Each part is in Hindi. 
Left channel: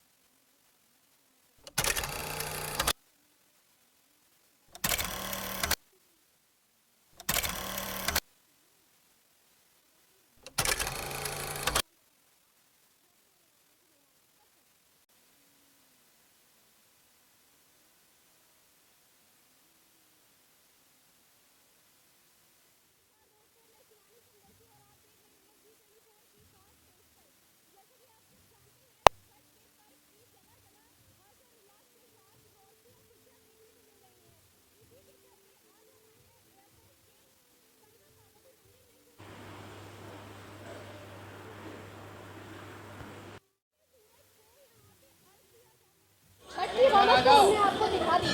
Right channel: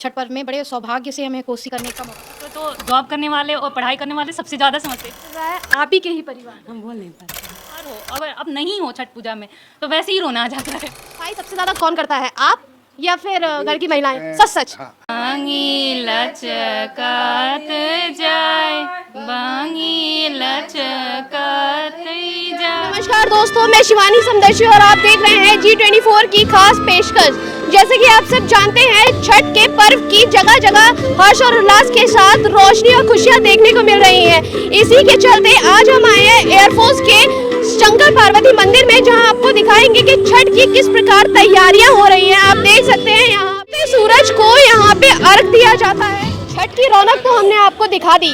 छठ पर्व में बड़े सौभाग्य से हमें कोसी करने का मौका तो जॉब करने वाले और पढ़ाई करने वाले सबसे ज़्यादा समझते मिला है। आप ही के ही परिवार हम बोल नहीं पाते। अगर अब नहीं हो छठ पूजा में तो वैसे ही रोना आ जाता है। सफाई सबसे ज्यादा कौन करता है, आप या फिर घर की महिलाएं? सच सच। बांगी लचकत जाए, बांगी लचकत जाए। नमस्कार दोस्तों, मैं शिवानी समदर्शी और आप देख रहे हैं G24 की खास पेशकश। जैसे कि आप सब जानते हैं, छठ के पर्व की जगह जगह हर्ष और उल्लास के साथ रोशनी और खुशियां देखने को मिल रही हैं। इसी के चलते आज हम आए हैं एयरफोर्स के शंकर पार्वती मंदिर में, जहां आपको दिखाएंगे कि छठ की किस प्रकार तैयारियां हो रही हैं। आप देख सकते हैं यहाँ पे सूरज को यहाँ पे अर्घ दिया जाता है। छठ की रौनक तो हमने आपको दिखा दी,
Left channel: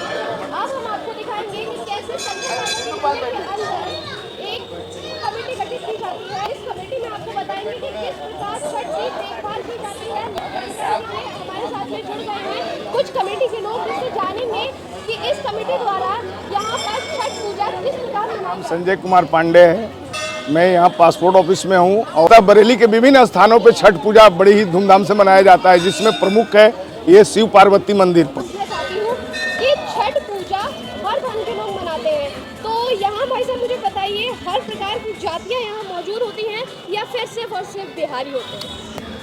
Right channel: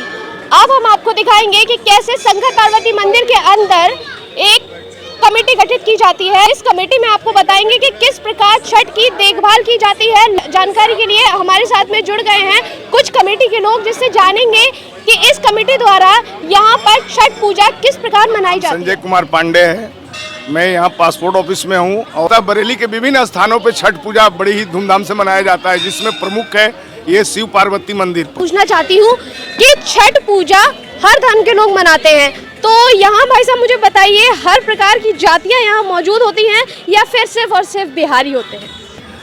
अब हम आपको दिखाएंगे कि कैसे शंकर पार्वती मंदिर के अंदर एक कमेटी गठित की जाती है। इस कमेटी में आपको बताएंगे कि किस प्रकार छठ की देखभाल की जाती है। जानकारी के लिए हमारे साथ में जुड़ गए हैं कुछ कमेटी के लोग, जिससे जानेंगे कि इस कमेटी द्वारा यहाँ पर छठ पूजा किस प्रकार मनाई जाती है। संजय कुमार पांडे है, मैं यहाँ पासपोर्ट ऑफिस में हूँ और बरेली के विभिन्न स्थानों पे छठ पूजा बड़ी ही धूमधाम से मनाया जाता है, जिसमें प्रमुख है ये शिव पार्वती मंदिर। पूछना चाहती हूँ कि छठ पूजा हर धर्म के लोग मनाते हैं, तो यहाँ भाई साहब मुझे बताइए, हर प्रकार की जातियाँ यहाँ मौजूद होती हैं या फिर सिर्फ और सिर्फ बिहारी होते हैं?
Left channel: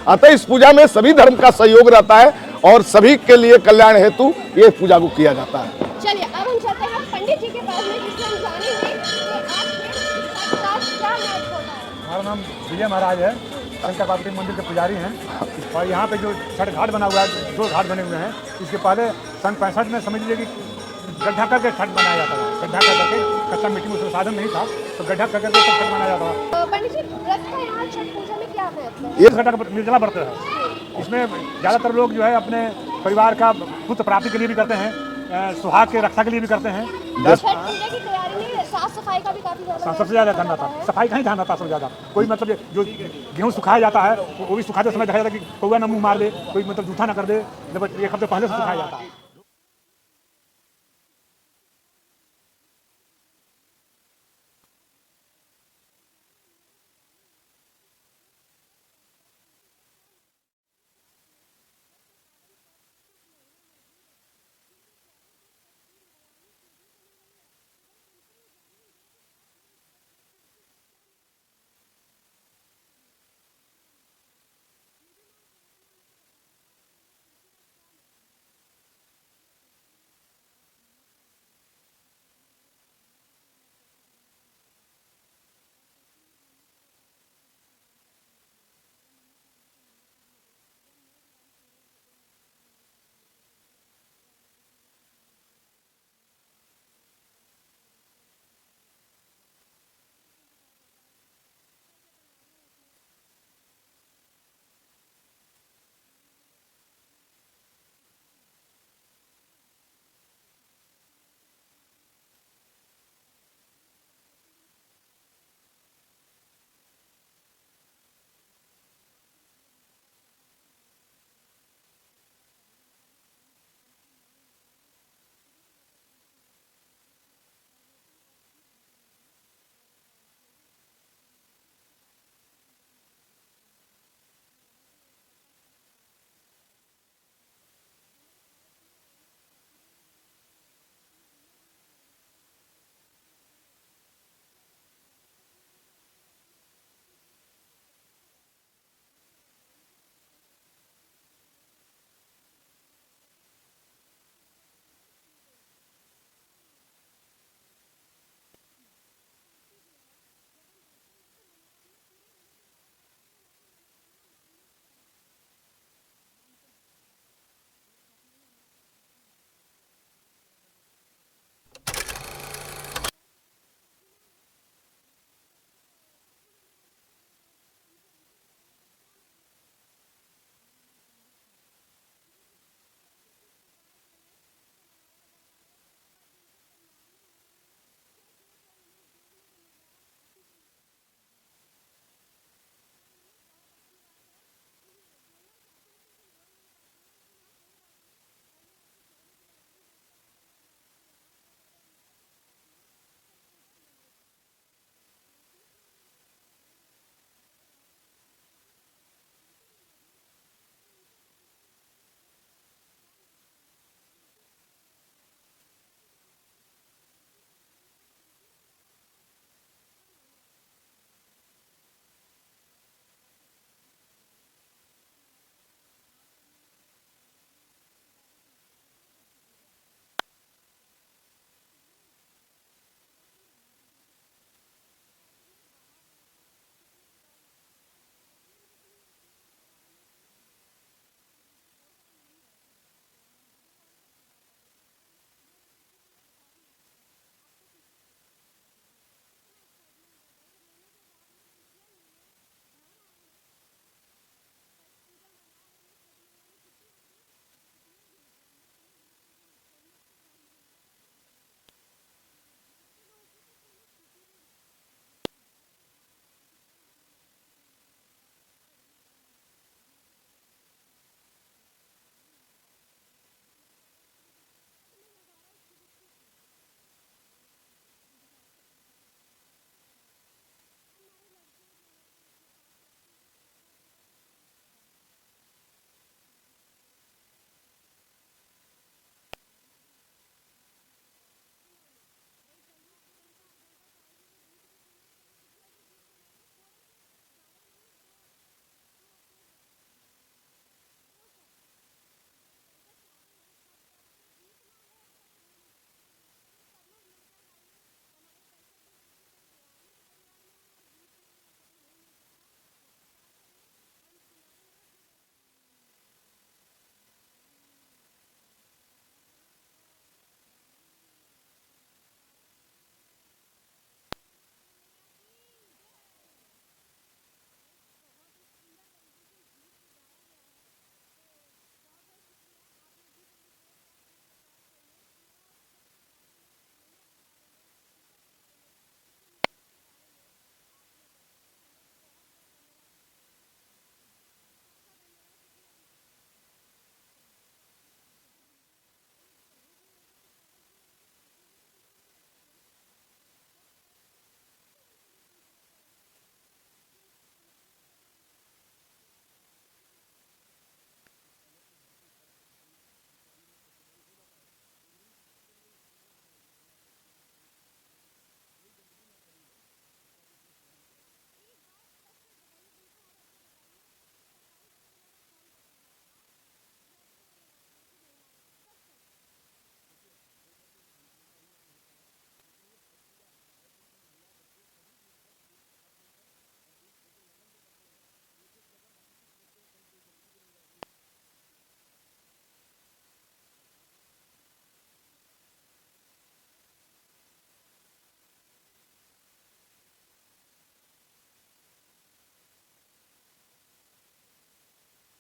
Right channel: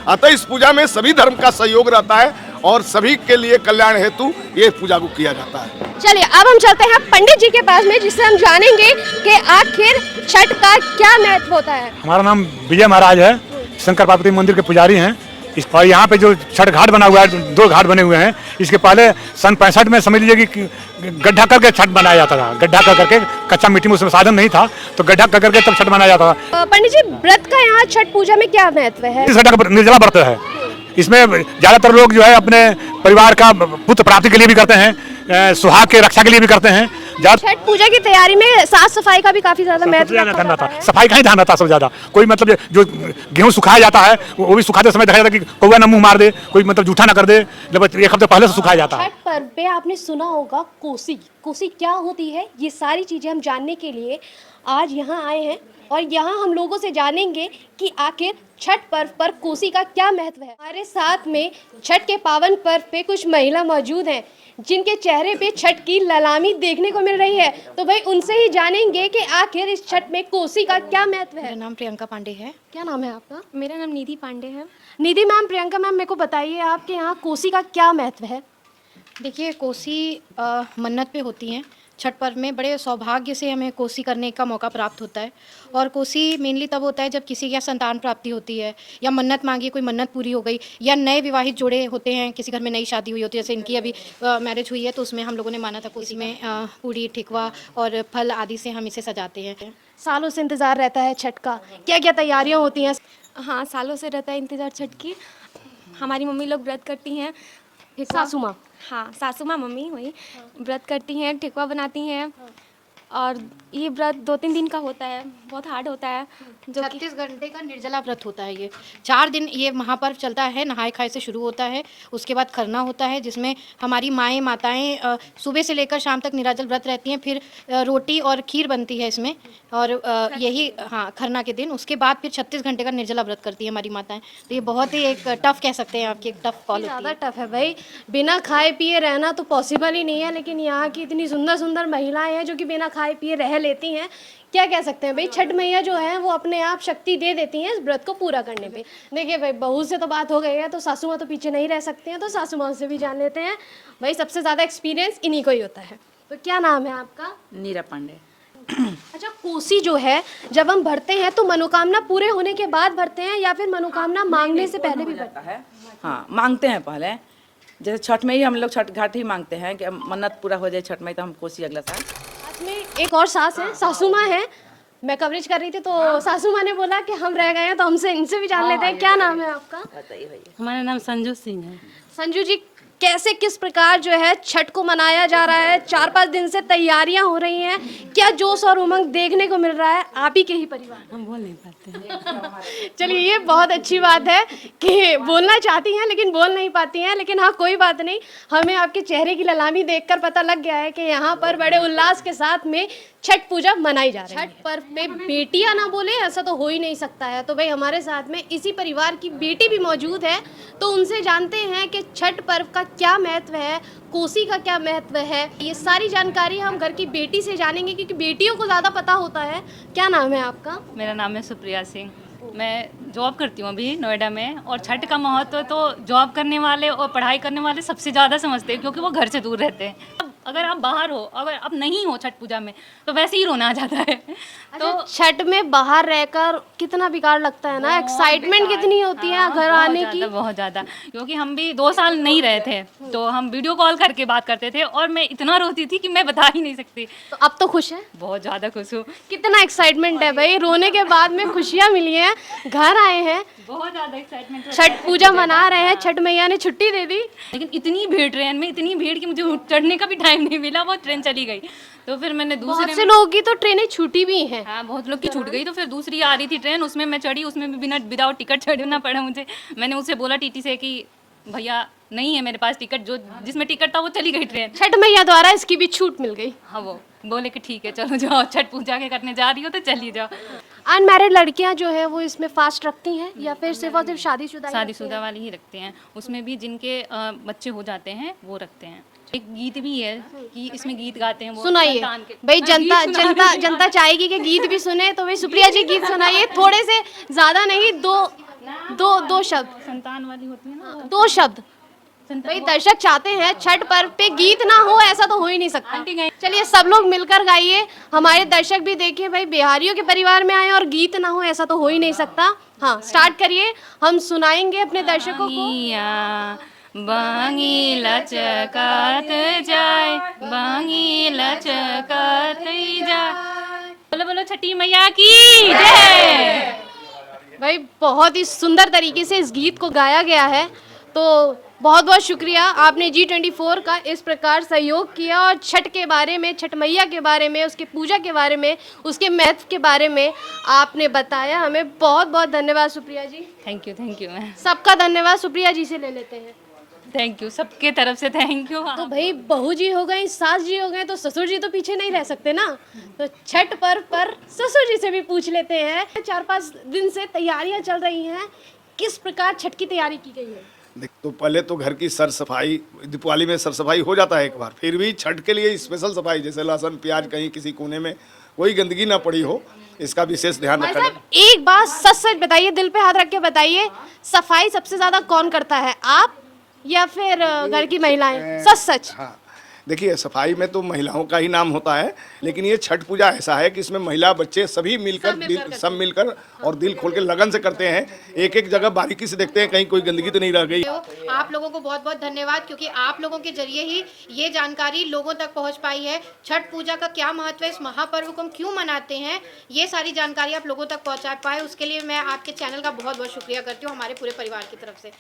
अतः इस पूजा में सभी धर्म का सहयोग रहता है और सभी के लिए कल्याण हेतु ये पूजा को किया जाता है। चलिए अब हम चलते हैं पंडित जी के पास में, जिससे हम जानेंगे कि आखिर छठ का क्या महत्व होता है। हमारा नाम विजय महाराज है, शंकर पार्वती मंदिर के पुजारी हैं। और यहाँ पे जो छठ घाट बना हुआ है, 2 घाट बने हुए हैं। इसके पहले सन 65 में समझ लीजिए कि गड्ढा करके छठ बनाया जाता था। गड्ढा कर करके, कच्चा मिट्टी में उसमें साधन नहीं था, तो गड्ढा कर करके तब छठ बनाया जाता था। पंडित जी, व्रत का यहाँ छठ पूजा में क्या महत्व है? इस घटा का निर्जला व्रत है। इसमें ज्यादातर लोग जो है अपने परिवार का पुत्र प्राप्ति के लिए भी करते हैं, सुहाग के रक्षा के लिए भी करते हैं। छठ पूजा की तैयारी में साफ सफाई का भी काफी ज्यादा महत्व था। सफाई का ही ध्यान रहता है सबसे ज्यादा। कोई मतलब जो गेहूं सुखाया जाता है वो भी सुखाते समय देखा जाता है कि कौवा न मुंह मार दे, कोई मतलब जूठा ना कर दे, जब 1 हफ्ते पहले से सुखाया जाता है। छठ पर्व पे आपने सुना होगा कोसी क्या होती है। ये सारी चीजें हम जानने के लिए आज यहाँ आए हैं और यहाँ हम लोगों से जानेंगे कि आखिर छठ पर्व पर कोसी का क्या महत्व है। हमारे साथ में छठ के पावन पर्व पे कुछ महिला मौजूद हैं, जिनके चेहरे पे छठ की ललामी देखने को मिल रही है। तो भाई उनसे ही जानेंगे कि आखिर इस छठ में कोसी का क्या महत्व है। मेरा नाम प्रियंका पांडे है। क्या नाम है आपका? मेरा नाम निधि पांडे है। निधि मैम, प्रियंका मैम, मेरे को बताइए आपके यहाँ कोसी का क्या महत्व है। देखिए, कोसी मन्नत पे होती हैं। छठ पर्व में बड़े सौभाग्य से हमें कोसी करने का मौका प्राप्त होता है। और कोसी मेनली तब होता है जब किसी के यहाँ संतान प्राप्ति होती है, या मन्नत मांगी, कोई मन्नत पूरी हो गई, या नए विवाहित जोड़े होते हैं, किसी घर में नई शादी हुई होती है। जैसे इनकी अभी मैरिज हुई है, तो उसमें हम लोगों ने माना था कोसी में पूड़ी, ठेकुआ और फल आदि से हम इसे सजाते हैं। सालों से इंतजार रहता है छठ का, क्या क्या तैयारियां होती हैं? हाँ, सालों से रहता है इंतज़ार छठ की। हमारी मम्मी लोग व्रत करती हैं। सासू माँ? हाँ, सासू माँ मम्मी वही व्रत करती हैं, ठेकुआ बनाती हैं। और ये व्रत 2-3 दिन का होता है, बहुत हार्ड होता है। जो 36 घंटे का निर्जला व्रत होता है। ये 4 दिन ये महापर्व चलता है। नहाए खाए से शुरू होता है, उसके बाद खरना होता है, जिसमें हमारी माताएं सुबह से लेकर शाम तक निराजल व्रत रहती हैं। फिर रोटी और खीर बनती है इसमें, और यही खरना के दिन। उसके बाद फिर 36 घंटे का निर्जला व्रत करती है हमारी माताएं। तो ये बहुत ही एक टफ कह सकते हैं आपकी, एक टफ कॉल होती है। ज़्यादा टफ है भाई, बिना खाए पिए रहना तो पॉसिबल ही नहीं है। लेकिन यहाँ की इतनी सुंदर सुंदर महिलाएं हैं जो कि बिना खाए पिए रह लेती हैं। क्या कह सकते हैं भाई, छठ मैया जो है वो अपने आप शक्ति दे देती हैं इस व्रत को पूरा करने पे। देखिए भाई, बहू से तो बात हो गई है, तो सासू माँ तो पीछे नहीं रह सकते हैं, तो सासू माँ से भी जान लेते हैं। भाई सबसे ज़्यादा एक्सपीरियंस इन्हीं को ही होता है। तो क्या नाम है आपका? नीरा पांडे। अच्छा, कोसी जो है जब हम भरते हैं तो मनोकामना पूरे होने के बाद भरते हैं या फिर मनोकामना मांगने से पहले भी भरते हैं? हाँ, मांगते हैं पहले। जैसे छठ में ही हम लोग छठ घाट ही मांगते हैं कि मन्नत पूरा हो जाए छठ में, तो हम कोसी अगला साल। एक और सास है, सासू माँ है। मैं कवरेज कर रही थी तो सासू माँ ने बोला कि हम रह गए हैं, तो हमसे इनसे भी जान लेते हैं। क्या नाम है आपका? बताइए भैया। हमारा नाम संजू सिंह है। संजू जी, कैसे किस प्रकार जो है छठ को मनाया जा रहा है, 4-5 दिन से तैयारियां हो रही हैं, क्या जोश और उमंग देखने को मिल रहा है आप ही के ही परिवार। हम बोल नहीं पाते हैं। चलिए ये बहुत अच्छी बात है कि बोलना चाहती हैं लेकिन बोल नहीं पाती हैं, लेकिन हाँ कोई बात नहीं, हमें आपके चेहरे की ललामी देखकर पता लग गया है कि यहाँ पर बड़े उल्लास के साथ में छठ पूजा मनाई जा रही है। छठ पर्व पे बेटियां ना बोले ऐसा तो हो ही नहीं सकता है। तो भाई हमारे साथ में इसी परिवार की बेटी भी मौजूद है, तो उनसे जानते हैं कि छठ पर्व का क्या महत्व है, कोसी का क्या महत्व है। ये सारी जानकारी हम घर की बेटी से जानेंगे क्योंकि बेटियों को ज़्यादा पता होता है। क्या नाम है आपका? मेरा नाम है सुप्रिया सिंह। मैं जॉब करती हूँ अभी नोएडा में, और छठ का महत्व तो जॉब करने वाले और पढ़ाई करने वाले सबसे ज़्यादा समझते हैं, क्योंकि वो घर से दूर रहते हैं। अब अगर आप बाहर हो, अगर आप नहीं हो छठ पूजा में, तो वैसे ही रोना आ जाता है। तो छठ में बाहर रहकर कितना बेकार लगता है ना, एक्साइटमेंट कितनी होती है घर आने की। बहुत ज़्यादा, क्योंकि हम भी 2 साल नहीं रहे थे, तो हम वीडियो कॉल करके बात करते थे, और मैं इतना रोती थी कि मैं बता ही नहीं सकती। तो अब तो खुश है, बहुत ज़्यादा खुश हूँ। कितना एक्साइटमेंट है भाई, रोने के बाद में खुशियाँ मिली हैं, घर आए हैं, बहुत ज़्यादा एक्साइटमेंट। छठ पूजा मना रहे हैं, छठ मैया ने छुट्टी दे दी। लेकिन इतनी भीड़, ट्रेन में इतनी भीड़ कि मुझे चढ़ने का भी टाइम नहीं मिला, वो ट्रेन चली गई। तो फिर मैंने बहुत दूसरे से लोगों की तो ट्रेनें छूटी भी हैं। हाँ, बहुत लोग की छूट गई, तो फिर दूसरी आ रही थी ट्रेन, उसमें मैं चढ़ी, उसमें भी बिना विदाउट टिकट चढ़ना पड़ा मुझे। मैंने उससे बोला टीटी से कि भैया नहीं है मेरे पास टिकट, जो जिसमें टिकट था वो चली गई ट्रेन। छठ मैया द्वारा इसकी भी छूट मिल गई। हाँ, वो बोले कि ठीक है चलो जाओ, छठ पूजा के करने जा रही हो तो चली जाओ। अनमैरिड लड़कियां जो है वो इसमें फास्ट रखती हैं या फिर सिर्फ और सिर्फ शादीशुदा ही रखती शादीशुदा वाली ही रखते हैं, उसमें भी जिनके बच्चे हो जाते हैं वो रखते हैं। एक गीत भी है कि इसमें गीत गाते हैं वो। हैं? सुनाइए संतान के। भाई, हाँ, जनता गीत सुना जनता रही हूँ। जनता चाहेगी कि गीत भी सुने, तो भाई सुप्रिया जी गीत सुनाइए, थोड़े से, ज्यादा नहीं, दो शब्द, संतान वाली होती है ना, 2 शब्द। भाई दर्शक चाहते हैं छठ पर्व पे गीत ना हो, ऐसा तो हो ही नहीं सकता। आंटी गई। चलिए सब लोग मिलकर गाइए, हमारे दर्शक भी देखिए भाई, बिहारियों के परिवार में आए और गीत ना हो ऐसा तो हो ही नहीं सकता। हाँ स्टार्ट करिए, हम सुनाएंगे अपने दर्शकों को। बांगी लचकात जाए, बांगी लचकात जाए। बोलो बोलो छठी मैया की जय। भाई बहुत ही सुंदर तरीके से इस गीत को गाया गया है, तो बहुत बहुत शुक्रिया, आपने G24 का इस प्रकार सहयोग किया और छठ के बारे में, छठ मैया के बारे में, उसके पूजा के बारे में, उसके महत्व के बारे में आपने बताया। हमें बहुत बहुत धन्यवाद Supriya ji. Thank you ma'am. सबका धन्यवाद सुप्रिया जी से ले लेते हैं। थैंक यू, सबके तरफ से थैंक यू। तो भाई बहू जी हो गई, सास जी हो गए, तो ससुर जी तो पीछे नहीं रह सकते ना। तो छठ पर्व पर ससुर जी से भी पूछ लेते हैं, 4-5 दिन से तैयारियां चल रही हैं, किस प्रकार छठ की तैयारी की गई है? देख, तो पहले तो घर की सर सफाई, दीपावली में सर सफाई हो जाता है एक बार, फिर भी छठ के लिए स्पेशल सफाई, जैसे लहसुन प्याज कहीं किसी कोने में कोई गंदगी ना पड़ी हो, इसका विशेष ध्यान भाई रखा साहब एक बात सच सच बताइए, दिल पे हाथ रख के बताइए, सफाई सबसे ज्यादा कौन करता है, आप या फिर घर की महिलाएं? सच सच। हाँ, देखिए सफाई में तो महिलाओं का ही नाम होता है, लेकिन ये छठ पूजा ऐसा है कि इसमें महिला बच्चे सभी मिलकर सब मिलकर और दिल खोल के लगन से करते हैं। एक एक जगह बारीकी से देखते हैं कहीं कोई गंदगी तो नहीं रह गई। आप लोगों को बहुत बहुत धन्यवाद, क्योंकि आप लोगों के जरिए ही ये जानकारी लोगों तक पहुंच पाई है। छठ पूजा का क्या महत्व है, इस महापर्व को हम क्यों मनाते हैं, ये सारी जानकारी आप लोगों तक पहुंचा पाए, उसके लिए मैं आपके चैनल का बहुत बहुत शुक्रिया करती हूँ हमारे पूरे परिवार की तरफ से।